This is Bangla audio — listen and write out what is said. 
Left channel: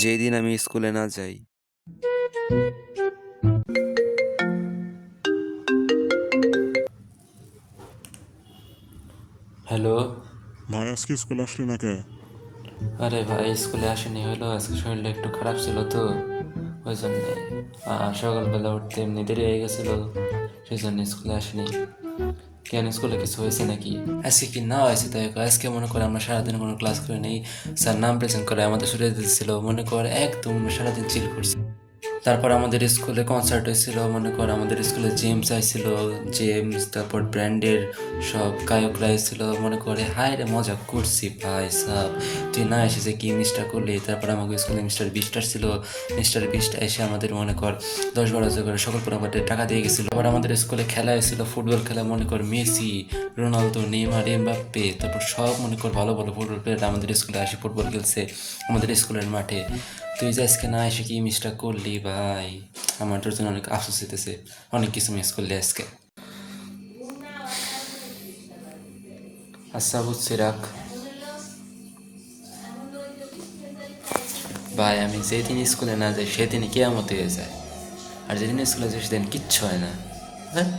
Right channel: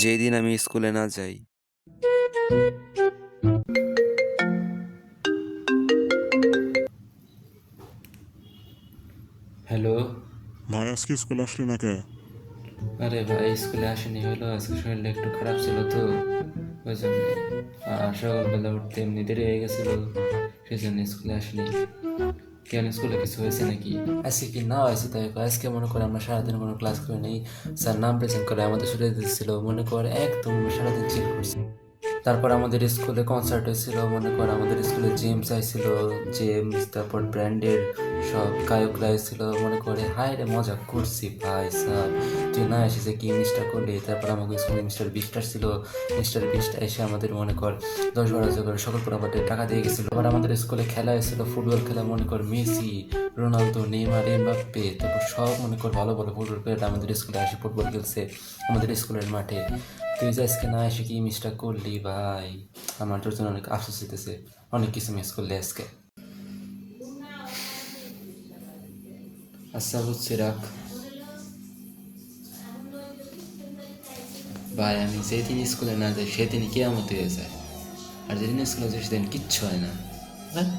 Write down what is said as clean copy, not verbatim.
যেদিন আমি স্কুলে না যাই। হ্যালো। ভাই আজকে স্কুলে আসলি না কে? আরে ভাই স্কুলে আসেনি হলো, আজকে শরীরটা একটু খারাপ ছিল তো ওই জন্যে। আর সকালবেলা উঠতে এমনি দেরি হয়ে গেছিল, সেই জন্য স্কুলে আসেনি। কেন স্কুলে কিছু হয়েছে নাকি? আজকে কি না হয়েছে তাই কও? আজকে মনে করে আমরা সারাদিন কোনো ক্লাস করি নাই, স্যার নাম প্রেজেন্ট করে আমাদের সরিয়ে দিচ্ছিল, মনে কর একদম সারাদিন চিল করছি। তারপর আমাদের স্কুলে কনসার্ট হয়েছিল, মনে কর আমাদের স্কুলে জেমস আইছিল, জেমস তারপর ব্র্যান্ডের সব গায়করা এসেছিল, মনে করে হায় রে মজা করছি ভাই সাহ। তুই না এসে যে কি মিস্টার করলি। তারপর আমাদের স্কুলে মিস্টার বিস্ট ছিল, মিস্টার বিস্ট এসে আমাদের মনে কর 10-12 করে সকল পুরোপাটে টাকা দিয়ে গেছিলো। আবার আমাদের স্কুলে খেলা এসেছিল, ফুটবল খেলা, মনে কর মেসি, রোনালদো, নেইমার, এমবাপ্পে, তারপর সব মনে কর ভালো ভালো ফুটবল প্লেয়ার আমাদের স্কুলে আসে ফুটবল খেলছে আমাদের স্কুলের মাঠে। তুই যে আজকে না এসে কি মিসটা করলি ভাই, আমার তোর জন্য অনেক আফসোস হইতেছে, অনেক কিছু মিস করলি আজকে। আচ্ছা বুঝছি, রাখ ভাই। আমি যেদিন স্কুলে না যাই সেদিনই কেয়ামত হয়ে যায়, আর যেদিন স্কুলে যাই সেদিন কিচ্ছু হয় না। হ্যাঁ।